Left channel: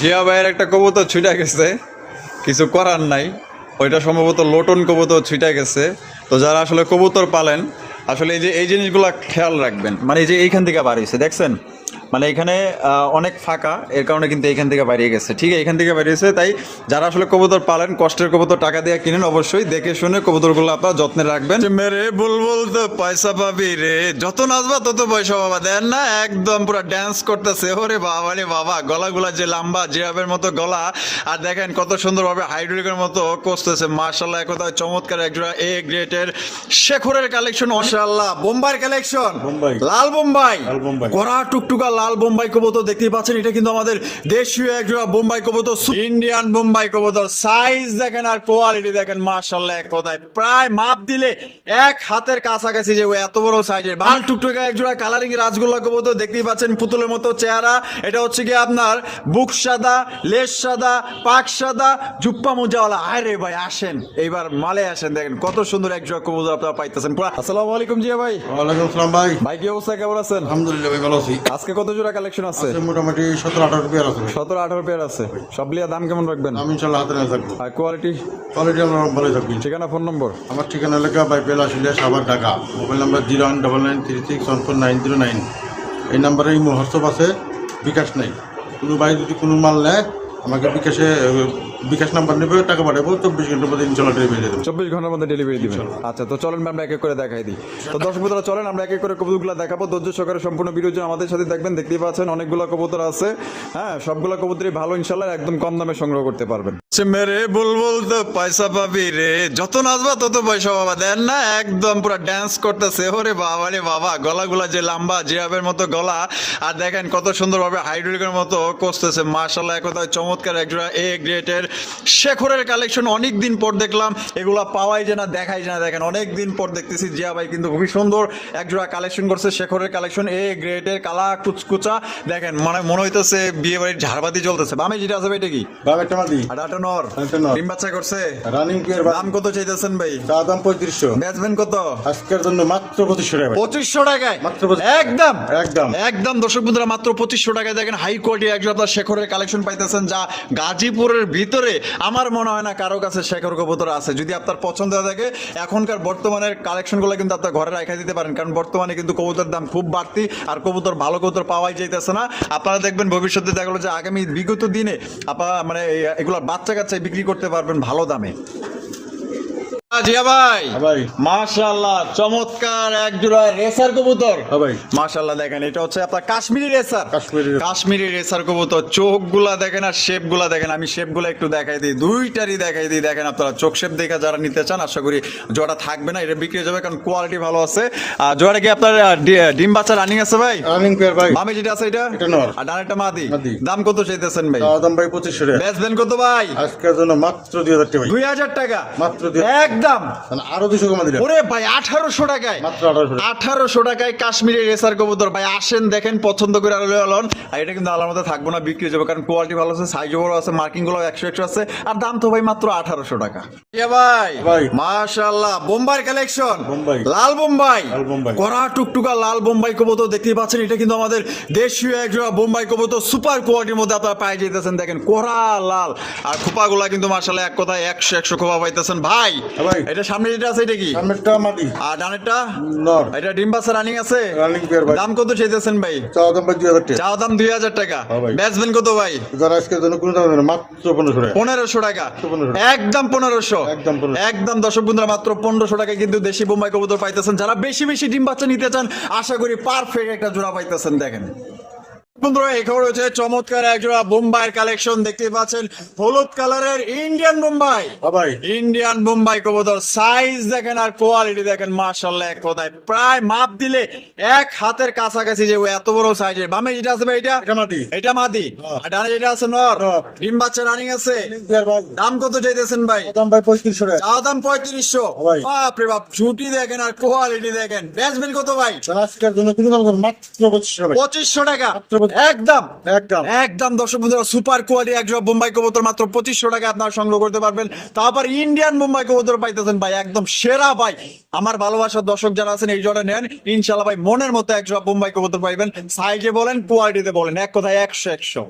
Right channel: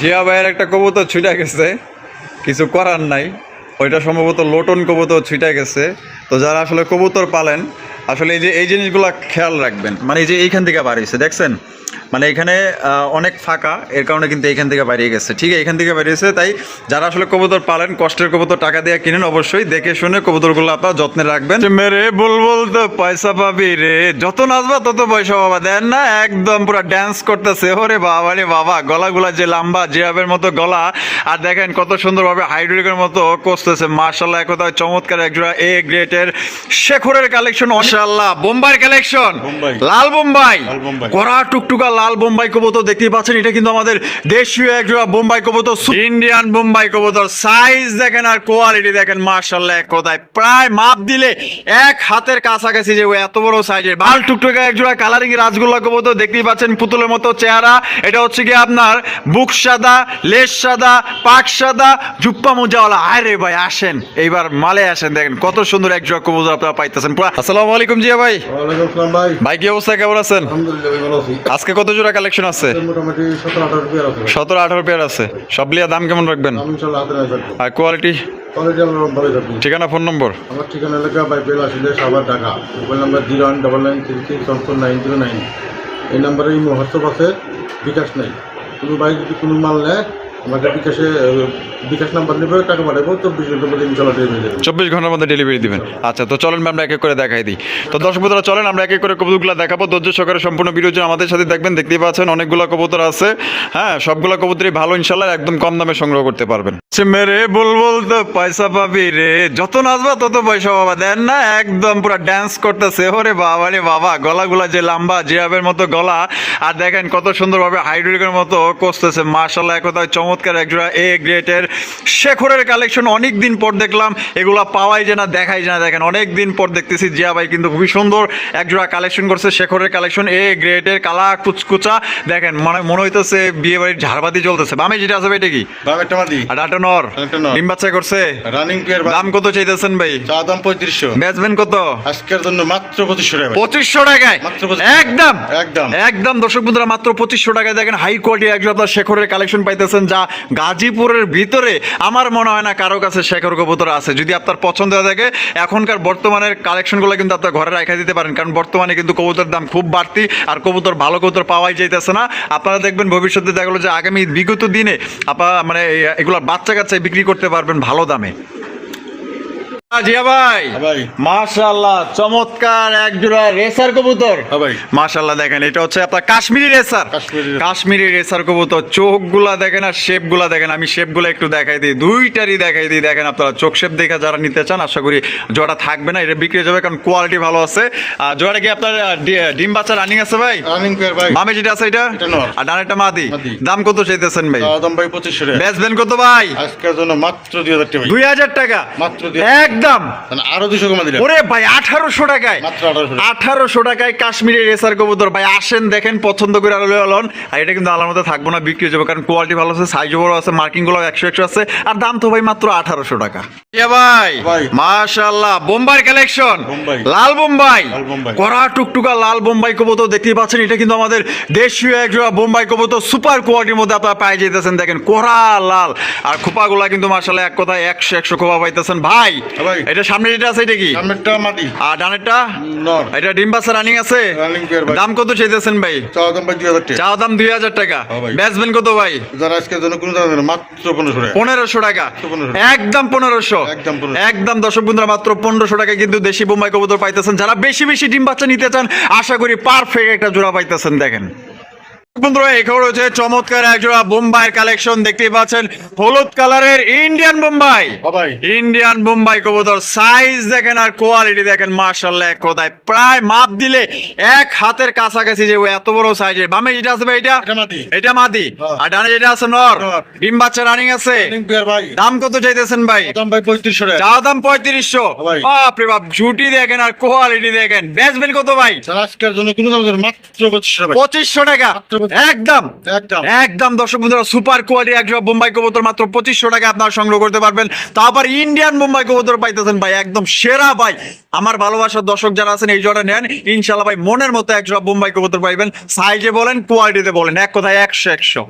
জিয়া ভাইয়ের একটা কবুতর ছুটে গেছে, কিছু করার নাই। ওইটা সম্ভবত লোটন কবুতর ছুটে গেছে। তো যারা আসলে কবুতর পালেন, আসলে এই জিনিসগুলো খেয়াল রাখবেন। মানে এই যে এইখান থেকে বার হয়েছে, দেখছেন? মানে এখানে অনেক ফাঁকা, এর কারণে কিন্তু এইখান থেকে বেরিয়ে গেছে। ঠিক এইখান থেকে বেরিয়েছে। তাই যারা আসলে কবুতর পালেন, কষ্টের কবুতর টাকা দিয়ে কিনেন, অবশ্যই দেখে শুনে কবুতরগুলো আপনারা যত্নে রাখবেন। মেরে বুলবুল তো পয়সা পাবি রে, যত নাচবা তত পয়সা পাবা। দেন না, একদম পুরো ড্যান্স করতেছে। ওরে বাবা রে বাবা, গলাগুলা যে লম্বা, জিরাফের মতো গলা। আর দেখেন কত সুন্দরভাবে হাইড্রোলিকের মতো করতেছে। মাশাআল্লাহ, এক কথায় চমৎকার একজোড়া এ গ্রেটের শেখরের কালেকশন। মাশাআল্লাহ, বোম্বাই কালেকশন, লাল বোম্বাই, কড়া টুকটুকা লাল বোম্বাই কবুতর দেখতেই পাচ্ছেন। এটা কিন্তু আমাদের দেশীয় একজোড়া বোম্বাই কবুতর, ইন্ডিয়ান বোম্বাই কবুতর। সাইজ দেখেন আর কোয়ালিটি দেখেন, মাশাআল্লাহ, এক কথায় প্রায় মাপ দিলে এক হাতের কাছাকাছি যে এত বড় সাইজের লাল টুকটুকা একজোড়া কালারিং রাজগোল্লা কবুতর দেখতেই পাচ্ছেন। পুতুলের মতো চেহারা। এটা হচ্ছে কি আপনার বুক সাদা, লেজ সাদা, পাক সাদা, জুপ্পা মোজাওয়ালা। আরে ভাই আসেন, এইবার মালে আসেন। দেখেন কত সুন্দর একজোড়া কবুতর আপনারা পাইতেছেন। আসসালামু আলাইকুম জিয়া ভাই। ওয়ালাইকুম আসসালাম ভাই। ভাই কি অবস্থা, কেমন আছেন? আলহামদুলিল্লাহ ভালো আছি। আজকে কত জোড়া কালেকশন আছে? মোটামুটি 17-18 পেয়ার আছে। 17-18 পেয়ার আছে। সব লিয়া দাম কেমন রাখবেন? আমি ইনশাআল্লাহ হাতে লাগে থাকবো। আর কোয়ালিটি? কোয়ালিটি আমরা ভালোই থাকবো। ঠিকানা, ফোন নম্বর? আমার ঠিকানা এলাকা বাইপেল আসলে সাভার ঢাকা। Mobile number 01993614909। এই নাম্বারে ইমো হোয়াটসঅ্যাপ আছে, বিকাশ নাই। কোনো ভাই যদি কোনো মাল নেয় আমাকে বিকাশ নাম্বার নেবে, টাকা পাঠাবো। 24 ঘন্টার মধ্যে ইনশাআল্লাহ ডেলিভারি দেবো। 24 ঘন্টার মধ্যে ডেলিভারি দিবেন। আচ্ছা, তো চলেন আমরা এক এক করে দেখাই দিই। তো দর্শক বন্ধুরা চলেন আমরা এক এক করে কবুতরগুলো দেখাবো। ধৈর্য সহকারে সম্পূর্ণ ভিডিও জন্য আমাদের সাথে দেখবেন। দেখতেই পাচ্ছেন অনেকগুলো কবুতর আছে। হ্যাঁ, সবগুলো কবুতরই ভালো, ইনশাআল্লাহ একদম কম দামে সংগ্রহ করতে পারবেন। মেরে বুলবুল তো পয়সা পাবি রে, যত নাচবা তত পয়সা পাবা। দেন না, একদম পুরো ড্যান্স করতেছে। ওরে বাবা রে বাবা, গলাগুলা যে লম্বা, জিরাফের মতো গলা। আর দেখেন কত সুন্দরভাবে হাইড্রোলিকের মতো করতেছে। মাশাআল্লাহ, এক কথায় চমৎকার একজোড়া এ গ্রেটের শেখরের কালেকশন। অনেক দিন পর দেখলাম, এগুলা পাওয়াই যায় না, দেখাই যায় না। দেখেন অনেক দিন পর দেখতেছি। জিয়া ভাই কিন্তু খুবই সুন্দর একজোড়া কালেকশন করছে, শেখরের কালেকশন এ গ্রেটের, কালা কুচকুচা। দেখেন মানে মনে হইতেছে বিয়ে বাড়ির ঝাড়বাতি চলতেছে। বামে যেটা আছে এটা কি? বাবাটা মাদি। আর আটা নর, ডিম বাচ্চা করছে। Running pair. দাম কত চাইতেছেন ভাই? চা দাম 3500। বেচবেন কত? আজকের জন্য মাত্র 2500 টাকা। 2500 টাকায় মাত্র 2500। একদম একদম একদম। দর্শক বন্ধুরা মাত্র 2500 টাকায় দেখেন হাই কোয়ালিটি একজন আপনার শেখরের কালেকশন পাইতেছেন, যা গাজীপুরের ভিতরে আমার মনে হয় না কারো কাছে শেখর কবুতর আছে। যদি আপনার পছন্দ হয়ে থাকে, এখনকার বর্তমানের কালেকশনগুলো কিন্তু আপনার ঘরে রাখা দিতে পারেন, কারণ বর্তমানে কিন্তু কবুতরের দাম খুব বাড়তি। আর কবুতর, ভালো কবুতর পাওয়াই যাইতেছে না। আপনারা দেখবেন ভবিষ্যতে দেখা গেলো যে আগামী বিগত দিনে আপনারা মানে এগুলো বাচ্চা কাচ্চায় বিক্রি করতে পারবেন ভালো দামে। জিয়া ভাই, মাশাআল্লাহ, চমৎকার একজোড়া রেসার কবুতর। মাশাআল্লাহ, দেখেন এটা হচ্ছে আপনার কাশ্মীরি রেসার। কাশ্মীরি রেসার কবুতর। চোখগুলা দেখেন আর শেপগুলা দেখেন। আমি শেপগুলো একটু দেখাই দিই, দুইটারই দেখাই দিই। দেখেন আপনারা চোখ শেপ দেখা যারা নিতে চান, আশা করি জোড়া থাকবে না, এটা বিক্রি যাবে, কারণ কোয়ালিটি ভালো আছে। আর জোড়া কি আপনার ডিম বাচ্চা রানিং আছে ভাই? রানিং পেয়ার ভাই। মামে যেটা আছে এটা আর ডানেরটা মাদি। দাম কত চাইতেছেন ভাই? দাম ভাই 2500 টাকা। বেচবেন কত ভাই? আজকের জন্য মাত্র 2000 টাকা ভাই। 2000 টাকা মাত্র একদম। আরো 200 কমা দিলেন। ওরে ভাই 1800 টাকায়, মাত্র 1800 টাকায় কাশ্মীরি রেসার কবুতর। ভাই আসেন, দেখেন, পছন্দ করে আলোন। আর এটা কিন্তু আলার মধ্যে থাকবো না, বিক্রি হয়ে যাবে, কারণ কোয়ালিটি ভালো আছে, সাইজ বড় আছে, মার্কিং গুলো 100 আছে। আর দাম তো ভাই মাত্র 1800 টাকা। ভাই মাশাআল্লাহ, বোম্বাই কালেকশন, লাল বোম্বাই, কড়া টুকটুকা লাল বোম্বাই কবুতর দেখতেই পাচ্ছেন। এটা কিন্তু আমাদের দেশীয় একজোড়া বোম্বাই কবুতর, সুপার কোয়ালিটির মধ্যে আপনারা পাই যেতেছেন। দেখেন কড়া লাল, আর খোপাগুলা কিন্তু মাশাআল্লাহ এক কথায় 100 খোপা পাইতেছেন ভাই। এটা সামনে যেটা আছে এটা কি? সামনেরটা মাদি আর ডানেরটা নর। এটা ডিম বাচ্চা রানিং আছে। রানিং পেয়ার ভাই। দাম কত চাইতেছেন ভাই? চা দাম ভাই 2000 টাকা। চা দাম 2000 টাকা। বেচবেন কত ভাই? যারা আজকের জন্য কোনো দাম না, মাত্র 1500 টাকা। 1500 টাকা একদম। 1500 একদম। দর্শক বন্ধুরা মাত্র 1500 টাকায় কিন্তু দেশি বোম্বাই কবুতর পাইতেছেন। যারা বেশি বেশি ডিম বাচ্চা নিতে চান, আশা করি পারফেক্ট একটা জোড়া পাইতেছেন। দেখেন বন্ধুরা, এখানে রয়েছে চমৎকার একজোড়া বোম্বাইয়ের কালেকশন। দেখতেই পাচ্ছেন হলুদ কালারের ইন্ডিয়ান বোম্বাই। ইন্ডিয়ান বোম্বাই কবুতর। সাইজ দেখেন আর কোয়ালিটি দেখেন, মাশাআল্লাহ, এক কথায় প্রায় মাপ দিলে এক হাতের কাছাকাছি যে এত বড় সাইজের। বামে যেটা আছে ভাই এটা মাদি। আর ডানে যেটা আছে নর। ডিম বাচ্চা রানিং আছে। দাম কত চাইতেছেন ভাই? দাম ভাই 3500 টাকা। চা দাম 3500। বাপ রে বাপ, ঝুটি দেখেন আর কোয়ালিটি দেখেন। বেচবেন কত ভাই? আজকের জন্য কোনো দাম না, মাত্র 2500 টাকা। 2500 টাকা একদম একদম। দর্শক বন্ধুরা, সুপার কোয়ালিটি একজোড়া বোম্বাই কবুতর মাত্র 2500 টাকা আপনারা সংগ্রহ করতে পারবেন। তারপর ইন্ডিয়ান বোম্বাই কবুতর পাইতেছেন ভাই একদম সেরা ভাই। আমার ভালোবাসার দর্শক যারা আছেন, এই জোড়া নেন, ইনশাআল্লাহ ভাই মনের মতো একজোড়া বোম্বাই কবুতর পাইবেন। সাইজে বলেন, কোয়ালিটিতে বলেন, এক কথায় 100।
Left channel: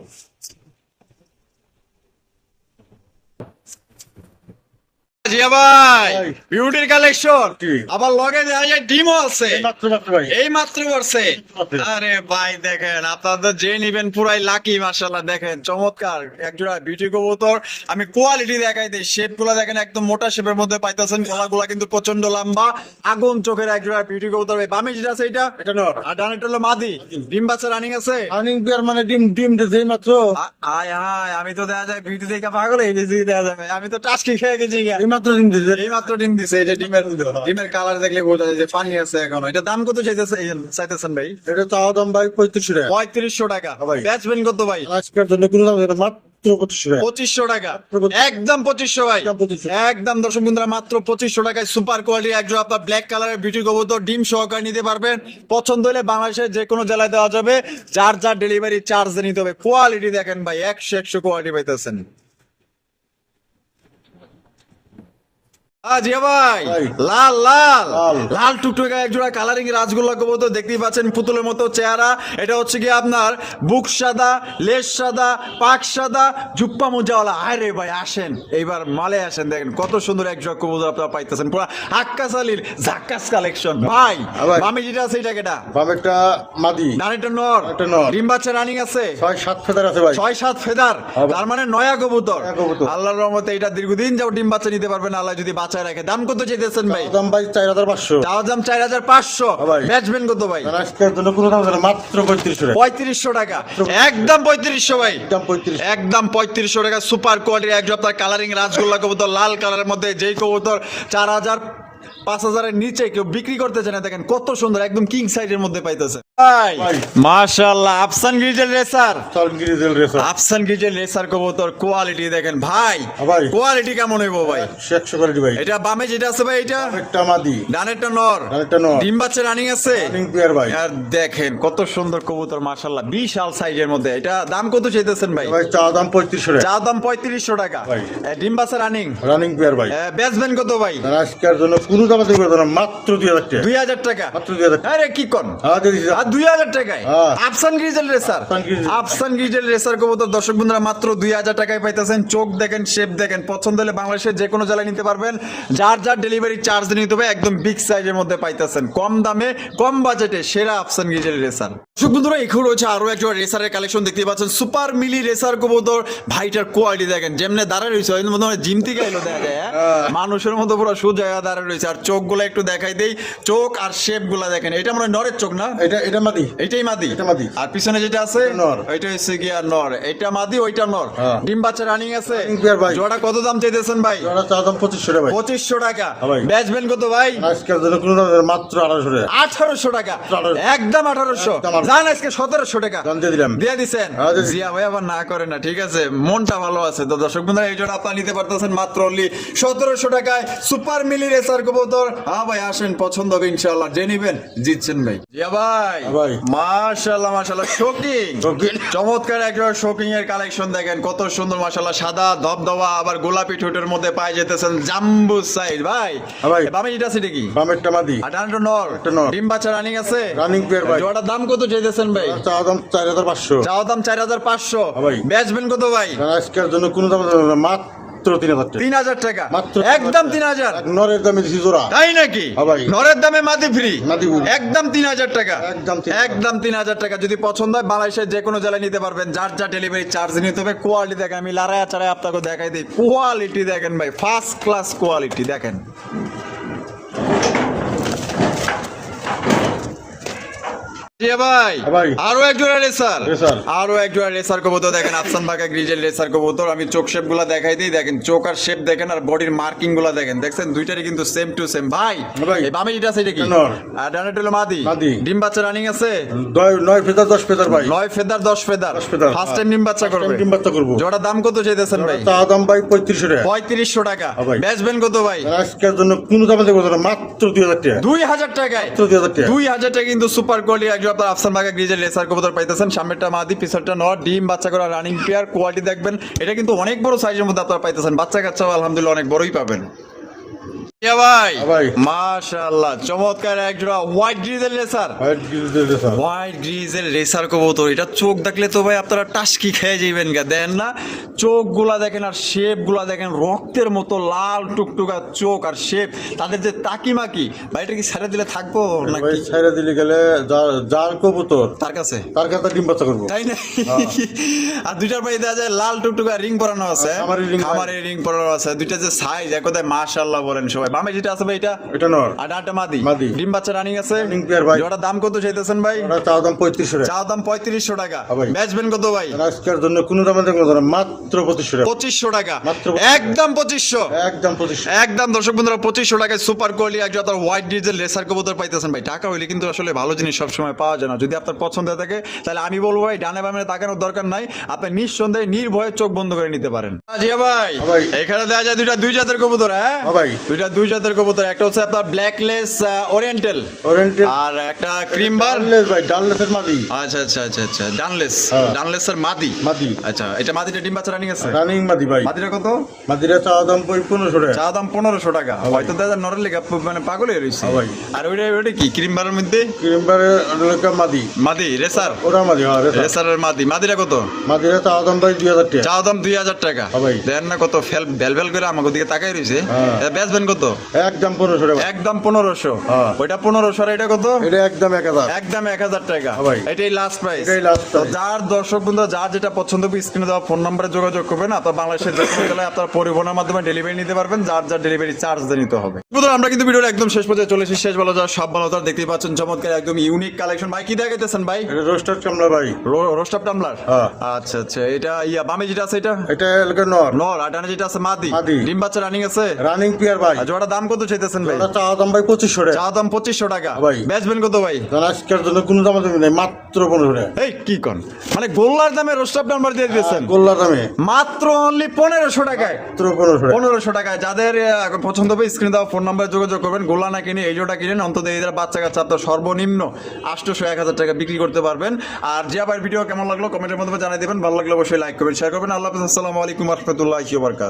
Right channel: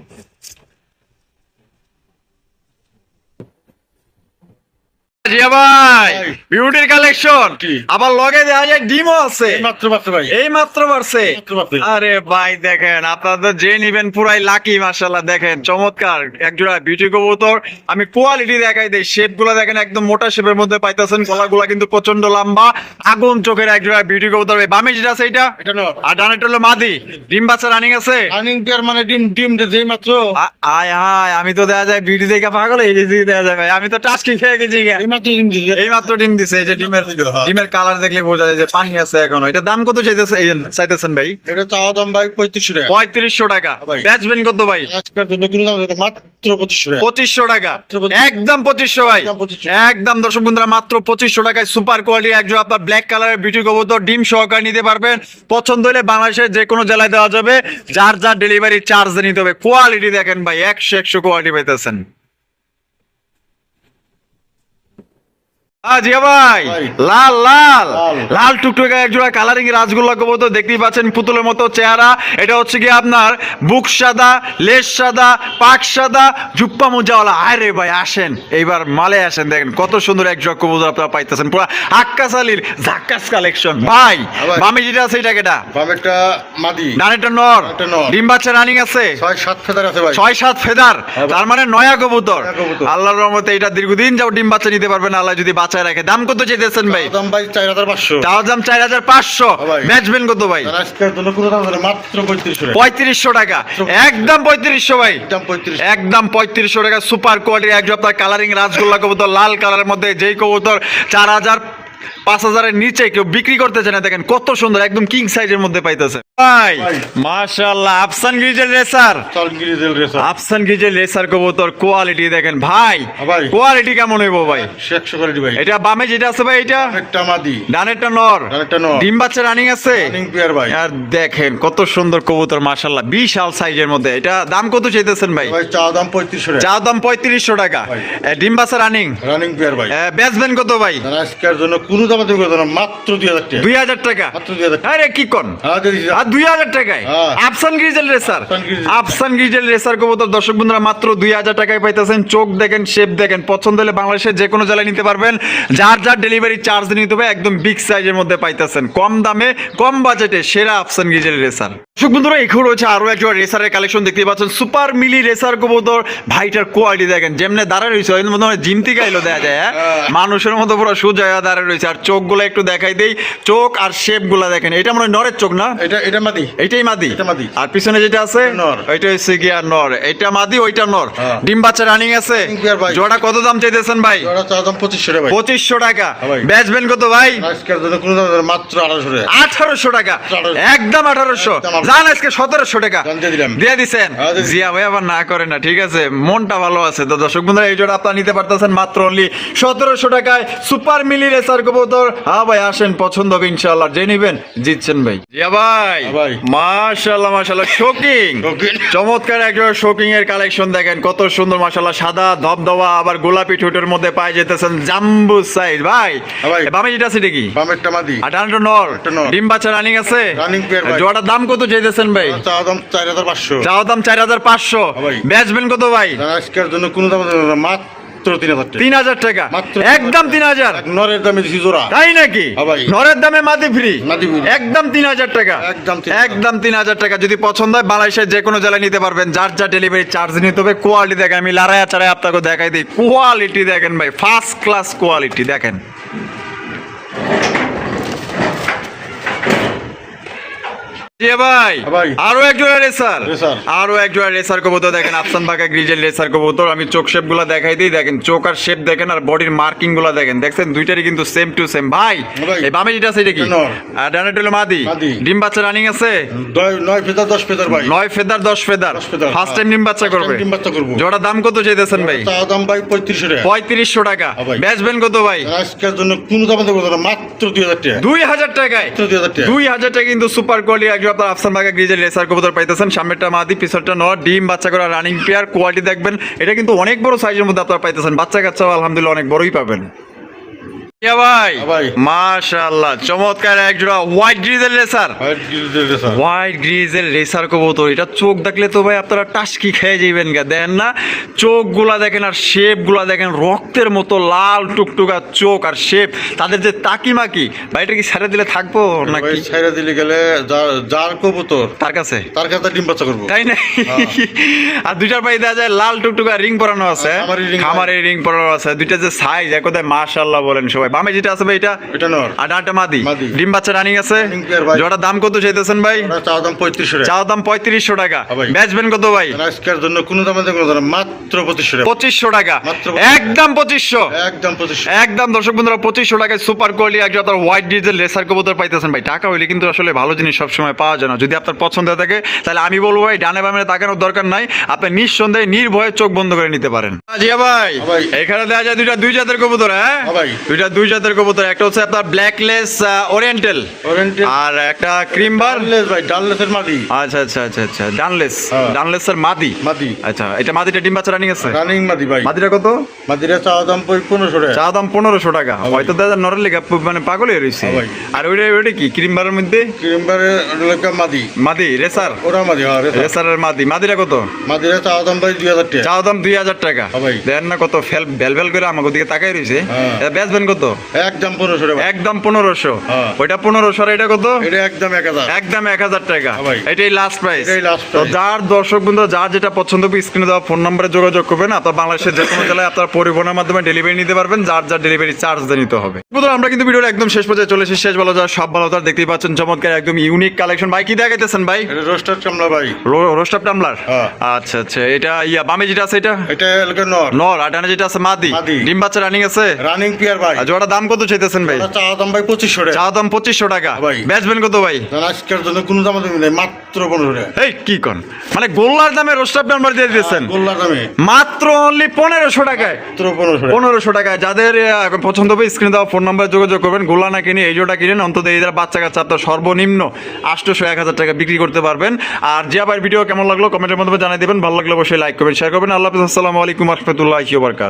জিয়া ভাই ভাই। বিউটির কালেকশন কি? আবার লগে দেখা যায় ডিমও আছে মাত্র মাত্র ভাই এই মাত্র বাড়ছে মাত্র মাত্র। আরে ভাই দেখেন আপনাদের যে নিবেন পুরাই লাকি মাশাআল্লাহ দেখেন চমৎকার একজোড়া বিউটি কবুতর আমি কোয়ালিটি দেখাই দেই শেপ গুলা দেখেন একদম মোটা শেপের মধ্যে পাইতেছেন গলাগুলা কিন্তু প্রচন্ড লম্বা আগুন চোখের একজোড়া বিউটি কবুতর বামে যেটা আছে এটা এটা নর আর ডানেরটা হলো মাদি ডিম বাচ্চা রানিং আছে রানিং পেয়ার মানে ডিম ডিম যেই মাত্র আয় হায় আমি তো দেখা যায় বিউটি দেখে পাগল এই যে দেখা যায় ভাই আমি তো টাচকি খেয়ে গেছি গা। এই মাত্র ডিম দিছে এই মাত্র ডিম দিছে এই যে ডিমের কালার দেখলে বোঝা যায় যে পানি আছে এখনো এটা দাম কত চাইতেছেন ভাই এটা চাওয়া দাম ভাই 3500 টাকা 3500 টাকা ভাই। বেচবেন কত ভাই আজকের জন্য কিলো দাম এটা মাত্র 2500 টাকা 2500 টাকা মাত্র 2500 একদম 2500 ভাই একদম 2500 একদম দর্শক বন্ধুরা মাত্র 2500 টাকায় সুপার কোয়ালিটি একজন আপনার ব্ল্যাক কালারের বিউটি কবুতর ডিম সহকারে নিতে পারবেন পছন্দ হলে বাংলাদেশের যে কোনো জেলায় দেওয়া যাবে যার যার ডেলিভারি চার্জ নিতে হবে কোয়ালিটি দেখেন ভাই 100 কোয়ালিটি পাইতেছেন জিয়া ভাই ভাই। লাল লাল লাল। লাল টুকটুকে একজোড়া কালারিং রাসগোল্লা কবুতর দেখতেই পাচ্ছেন পুতুলের মতো চেহারা এটা হচ্ছে কি আপনার বুক সাদা লেজ সাদা পাক সাদা জুপ্পা মোজাওয়ালা আরে ভাই আসেন এইবার মালে আসেন দেখেন কত সুন্দর একজোড়া কবুতর আপনারা পাইতেছেন পুরো আক্কাস আলীর জাক্কাস কালেকশন ভাই ভাই। মামি যেটা আছে এটা কেটা বাম একটা মাদি ডানেরটা নর একটা নর। ডিম বাচ্চা রানিং আছে 6-7 ফেদার আছে ভাই 6-7 ফেদার হ্যাঁ ভাই। তার মানে নয়া কবুতর নয়া কবুতর। আল্লাহর রহমতে এটা দীর্ঘদিন যাও ডিম বাচ্চা নিতে পারবেন আল্লাহ যদি বাচ্চা রাখে দাম কত চাইতেছেন ভাই চাওয়া দাম ভাই 4500 তাও দাম 4500 হ্যাঁ ভাই। বেচবেন কত ভাই আর আজকের জন্য কিলো দাম এটা মাত্র 3500 টাকা 3500 টাকা একদম 3500 ভাই একদম 3500 একদম 3500 টাকা সুপার কোয়ালিটি একদম আপনার কালারিং রাসগোল্লা কবুতর লাল কালারের মধ্যে যেই কবুতর 4000 5000 এর নিচে কেউ বিক্রি করতেছে না দেখেন কত সুন্দর একদম কিং সাইজের মধ্যে পাইতেছে ভাই ভাই। মাশাআল্লাহ আফসান গ্রিজেল রেসার চাল grizzle racer Afsan grizzle racer কবুতর কোয়ালিটি দেখেন ভাই ভাই। কোয়ালিটি কেমন হইব ভাই 100 কোয়ালিটি ভাই এটা বামে যেটা আছে ভাই এটা একটা মাদি ডানেরটা নর ডানেরটা নর। ডিম বাচ্চা রানিং আছে রানিং পেয়ার ভাই আর দেখেন কত সুন্দর কবুতর মাশাআল্লাহ বিশাল সাইজের মধ্যে এটা দাম কত চাইতেছেন ভাই ভাই চাওয়া দাম 3500 টাকা চা দাম 3500 টাকা ভাই। ডিম বাচ্চা রানিং রানিং পেয়ার ভাই বেচবেন কত ভাই আর আজকের জন্য কোনো দাম দেব না মাত্র 2000 টাকা 2000 টাকা মাত্র 2000 টাকা আরে কি কোন হ্যাঁ দিদি আর 2000 টাকায় হ্যাঁ। Afsan grizzle racer Afsan grizzle. Afsan grizzle racer কবুতর দর্শক বন্ধুরা মাত্র 2000 টাকায় পাইতেছেন চোখ দেখেন শেপ দেখেন পছন্দ হলে বাংলাদেশের যে কোনো জেলায় নিতে পারবেন যার যার ডেলিভারি চার্জ নিতে হবে একদম বিগ সাইজের মধ্যে পাইতেছেন কম দামে কম বাজেটে সেরা আফসান গ্রিজেল রেসার দর্শক বন্ধুরা এখন রয়েছে আরো একটা রেসারের কালেকশন দেখতে পাচ্ছেন সুপার মিলি রেসার কবুতর ভাইটার কোয়ালিটি দেখেন যেমনে দাঁড়ায় রয়েছে ওই মনে হয় জিম থেকে আইলো দেখা যায় হ্যাঁ? মানুষের মতো পুরো সোজা দাঁড়ায় রয়েছে আর চোখগুলো একটু দেখাই দেই চোখ আর শেপ গুলা দেখেন এটা মনে হয় নরের চোখ না এটা মাদি এইটাই মাদি এটা মাদি। আর পিছনে যেটা আছে নর। ওইটা হচ্ছে গিয়া নর এটা মাদি ওইটা নর হ্যাঁ। ডিম বাচ্চা রানিং আছে Running pair ভাই। জোড়া কত দাম চাইতেছেন ভাই ওরা চাওয়া দাম 2500 টাকা ভাই 2500 টাকা হ্যাঁ ভাই। বেচবেন কত ভাই আজকের জন্য কোনো দাম দেব না, মাত্র 1800 টাকা 1800 টাকা 1800 একদম 1800 একদম। জান আজকে 1700 টাকা জান দিয়ে দিলাম। দিয়ে দিছেন হ্যাঁ, দিয়ে দিছি। জিয়া ভাই আবার না করে না ঠিক আছে মনটা ভালো আছে তো দর্শক বন্ধুরা এই জোড়া আপনারা নিতে পারতেছেন মাত্র অনলি 1700 টাকায় সুপার মিলি রেসার কবুতর হ্যাঁ ভাই আসেন পছন্দ হবে ইনশাআল্লাহ যে নিবেন জিতছেন ভাই জিয়া ভাই হ্যাঁ ভাই। মাশাআল্লাহ মাশাআল্লাহ শোকিং Shocking। চমৎকার একজন শোকিং এর কালেকশন দেখেন কত সুন্দর মাশাআল্লাহ সাদা ধবধবা আবার গোলাপি ঠোঁটের মধ্যে পাই যেতেছেন জাম্বু সাইজ ভাই হ্যাঁ ভাই। বামে যেটা আছে কি বাম একটা মাদি আর ডানটা নর একটা নর। ডিম বাচ্চা রানিং আছে Running pair ভাই। জোড়াটার দাম কত চাইতেছেন ভাই ওরা চাওয়া দাম 4500 চাওয়া দাম 4500 হ্যাঁ ভাই। বেচবেন কত ভাই আর আজকের জন্য কোনো দাম দেব না, মাত্র 3000 টাকা 3000 টাকা মাত্র একদম 3000 এক নরের দামে দিছি জোড়া তাই নাকি হ্যাঁ ভাই। নরের দামে মাদি ফ্রি মাদি free। একদম 3000 টাকা একদম 3000 একদম 3000 টাকা যদি পছন্দ হয় বাংলাদেশের যে কোনো জেলায় নিতে পারবেন যার যা ডেলিভারি চার্জ নিতে হবে কোয়ালিটি দেখেন আমি লারায়া চারায় আপনাকে দেখাই দিই কোয়ালিটি দেখেন ভাই ফার্স্ট ক্লাস কোয়ালিটি দেখেন জি ভাই হ্যাঁ ভাই। আরো একজোড়া রেসার রেসার। আরো একজোড়া রেসার কবুতর দেখেন আফসান বাঁকা গ্রিজেল রেসার কবুতর আমি চোখ শেপ গুলা দেখাই দিই দেখেন চোখ আর শেপ দেখেন আর বডির মার্কিং গুলা দেখেন দেখছেন দুইটারই কিন্তু সেম টু সেম ভাই হ্যাঁ ভাই। এই বামে যেটা আছে এটা কি নর। আর ডানেরটা হলো মাদি মাদি। ডিম বাচ্চা রানিং আছে 9 ফেদার 10 ফেদার ভাই 9 feather 10 feather 10 feather. First time ডিম বাচ্চা First time করবে ডিম বাচ্চা করবো। জোড়া দাম কত চাইতেছেন ভাই চাওয়া দাম ভাই 3500 টাকা 3500 টাকা হ্যাঁ ভাই। বেচবেন কত ভাই আর আজকের জন্য কোনো দাম দেব না, মাত্র 2000 টাকা 2000 টাকায় মাত্র 2000 টাকা 2000 টাকা কিন্তু সুপার কোয়ালিটি একজন আপনার আফসান বাগা গ্রিজের রেসার কবুতর পাইতেছেন সামনেরটা মাদি পিছনটা নর ডিম বাচ্চা করা রানিং পেয়ার কোয়ালিটি দেখবেন এটা কিন্তু অনেক বড় সাইজের মধ্যে আপনারা পাইতেছেন বাচ্চা কাচ্চাও আলহামদুলিল্লাহ অনেক বড়ই পাবেন ইয়া ভাই ভাই। মাশাআল্লাহ চমৎকার এক জোড়া white grizzle racer. White grizzle racer. White grizzle racer কবুতর, এটা চোখ দেখলে তো ভাই আপনারা টাসকি খেয়ে যাবেন গা, দেন না চোখগুলা দেখেন আর শেপগুলা দেখেন, রক্তের মতো লাল টুকটুকা চোখ আর শেপ, তাদের যে তাকিমাকি ভাই, এটা কি ছেড়ে দিলে থাকবো ভাই নাকি ছাইরা দিলে গেলে যার কবুতর তার কাছে? তার কাছে ডিম বাচ্চা করবো। তাই না? আর দুইটার ভাই দেখা যায় লাল টুকটুকা রিং পরানো আছে, খামারি ring খামারে রিং পরানো আছে, দুইটা যে সাইজ এক কথায় মাশাআল্লাহ বলেন সবাই। বামে যেটা আছে ভাই এটা এটা নর। আর ডানটা মাদি, মাদি। ডিম বাচ্চা রানিং আছে। Running pair ভাই। জোড়ার দাম কত চাইতেছেন ভাই? ওরা চাওয়া দাম 3500 টাকা। চাও দাম 3500 টাকা, হ্যাঁ ভাই। বেচবেন কত ভাই? আজকের জন্য কোনো দামে কোনো দাম না, মাত্র 2500 টাকা। 2500 টাকা, মাত্র 2500 একদম 2500, একদম 2500। একদম দর্শক বন্ধুরা 2500 টাকায় সুপার কোয়ালিটি একজন আপনার হোয়াইট ডিজেল রেসার কবুতর পাইতেছেন ভাই। টাকা হইলে কিন্তু আসলে ভালো জিনিস সবসময় পাওয়া যায় না। যদি আপনার পছন্দ হয়ে থাকে তাহলে আমি বলবো ভাই ডানে বামে তাকানোর দরকার নাই, আপনি নিঃসন্দেহে নির্ভয়ে চোখ বন্ধ করে নিতে পারেন। জিয়া ভাই ভাই। এখানে দেখা যায় দুই জাতের কবুতর, হ্যাঁ ভাই। দুই জাতের কবুতর, একটা হচ্ছে আপনার ব্ল্যাকলেস ওরিয়েন্টাল ওরিয়েন্টাল আর একটা ক্রিম বার। ডানলেস ভাই, ডানলেসের মাদি। আচ্ছা আচ্ছা আচ্ছা আচ্ছা ডানলেস, হ্যাঁ। ডানলেসের মাদি। মাদি আচ্ছা এটা মাদিটা ডিম বাচ্চা রানিং আছে? রানিং মাদি ভাই। মাদিটা কত? মাদিরা চাওয়া দাম 1500 টাকা। চা দাম 1500 টাকা। হয়তো দাদা নরের লেগে মানে পাগল হয়ে রয়েছে। হ্যাঁ ভাই। আর ওইটা কি ক্রিম বারের মধ্যে ক্রিমবারের লেখা মাদি। মাদি রেসার, ওরা মাদি, হ্যাঁ রেসার। রেসারের মাদি। মাদিরা কত? মাদিরা চাওয়া দাম ভাই 2000 টাকা। চা দাম 2000 টাকা। হ্যাঁ ভাই। দেন না কত ভেল করে আমাকে দিকে তাকাই রয়েছে। হ্যাঁ। এটা বেচবেন কত? একদম 1500 টাকা। একদম 1500। হ্যাঁ। ওইটা 1500 আর এটা কত? এটা একদম 1000। একদম 1000 টাকা। হ্যাঁ ভাই। এটাই লাস্ট প্রাইস। এটাই last price। যার দর্শক বন্ধু যার যেটা পছন্দ হবে স্ক্রিনে দেওয়া ফোন নম্বরে যোগাযোগ করবেন। আপনার বাংলাদেশের যে কোনো জেলায় আপনার পরিবহনের মাধ্যমে ডেলিভারি নিতে পারবেন, যার যার ডেলিভারি চার্জ দিয়ে নিতে হবে। বন্ধুরা আমরা কিন্তু ভিডিওর একদম শেষ পর্যায়ে চলে এসেছি। শেষ ভালো যার সব ভালো তার দেখতেই পাচ্ছেন চমৎকার একদম ইউনিক কালেকশন। ভাই কি দেখাইতেছেন ভাই? এটা রোস্টার কামলা ভাই। রোস্টার টামলার। হ্যাঁ। আচ্ছা আচ্ছা এটা বামে যেটা আছে এটা এটা লেখা নর। নর, আর ডানে যেটা আছে মাদি। মাদি। ডিম বাচ্চা রানিং আছে? রানিং পিয়ার ভাই। আর জোড়ার দাম কত চাইতেছেন ভাই? ওরা চাওয়া দাম ভাই 2500 টাকা। চা দাম 2500 টাকা। ভাই। বেচবেন কত ভাই? আজকের জন্য কোনো দাম নেই, মাত্র 1500 টাকা। এই কি কোন মানে গোল্লার দামে রোস্টার নাম্বার দিয়ে দিয়েছেন গোল্লা দামে মাত্র অনলি 1500 টাকায়। মাত্র 1500 টাকা। 1500 টাকায়। যাদের পছন্দ হবে স্ক্রিনে দেওয়া ফোন নাম্বারে যোগাযোগ করবেন। গোল্লা না কিনে এই জোড়া কিনেন, অন্তত এদের বাচ্চা কাচ্চা আপনার সর্বনিম্ন 800-1000 টাকা বিক্রি করতে পারবেন। আর জিয়া ভাইয়ের ভিডিও কেমন লাগলো কমেন্টের মাধ্যমে জানিয়ে দেবেন। ভালো লাগলে অবশ্যই লাইক করবেন, শেয়ার করবেন। আল্লাহ হাফেজ, আসসালামু আলাইকুম ওয়া রাহমাতুল্লাহি ওয়া বারাকাতুহু।